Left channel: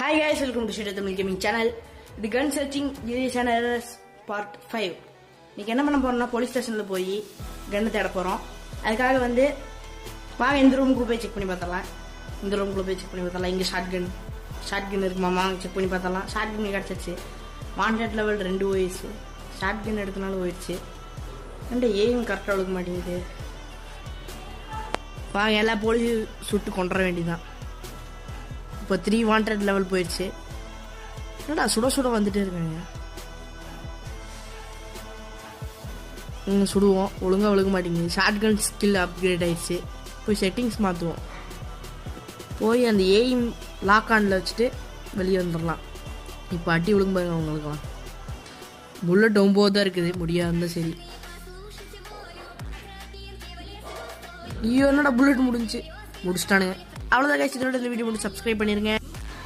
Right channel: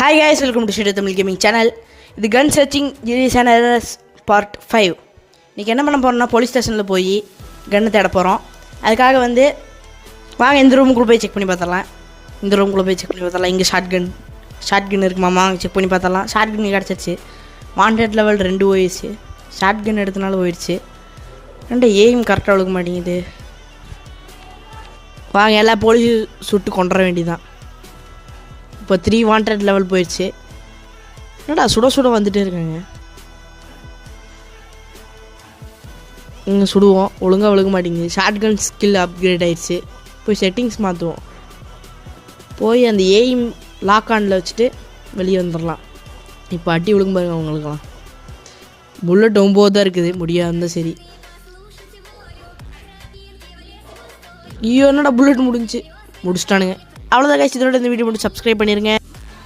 Hi guys, welcome to Shredder Tamil Gaming channel. இது கன் searching ஜீரியஸ் and errors part 5. இன்றைக்கி என்ன பண்ண போகிறோம்னா போலீஸ் ஸ்டேஷனில் போய் கன்னை தேட போகிறோம். அதுக்காக வந்து வாங்க இந்த ரூமுக்குள்ளே போய் செக் பண்ணி பார்த்தரலாம். இங்கே ஷார்ட் கன் இருக்குமாமா, செக் பண்ணி பார்த்தரலாம். ஷார்ட் கன் கிடச்சிருச்சு. வாண்டட் லெவல் 2 போயிடுச்சு. ஷார்ட் கன் எடுத்தனால போயிடுச்சு. எய்ம் கரெக்டாக விழுக்க மாட்டேங்குது. வாங்க எல்லா போலீஸ் சுட்டு கொண்டுற வேண்டியதான். இப்போ 3 வாண்டட் லெவல் போயிடுச்சு. என்னடா சுட வந்துகிட்டே இருக்காங்க. இங்கே சுடுவோம், ஒழுங்காக விழுக மாட்டேங்குது. ஷார்ட் கன் ஸ்கில் அப்கிரேட் ஆகிடுச்சு. போய் செட்டிங்ஸ் மாற்றுவோம். போய் அந்த எய்ம் லாக் ஆனில் வச்சுட்டு வெளியே வந்துடலாம். இப்போ அட்டி விழுங்க பாருங்க அவங்களுக்கெல்லாம். புல்லட் 9 தான் இருக்குது, முடியாது. சரி, ஐயோ என்னடா புல்லட் முடிஞ்சிட்டானுங்க. அவ்வளோதான் கைஸ், இதோட இந்த வீடியோ மட்டும் சப்ஸ்கிரைப் பண்ணிடுங்க.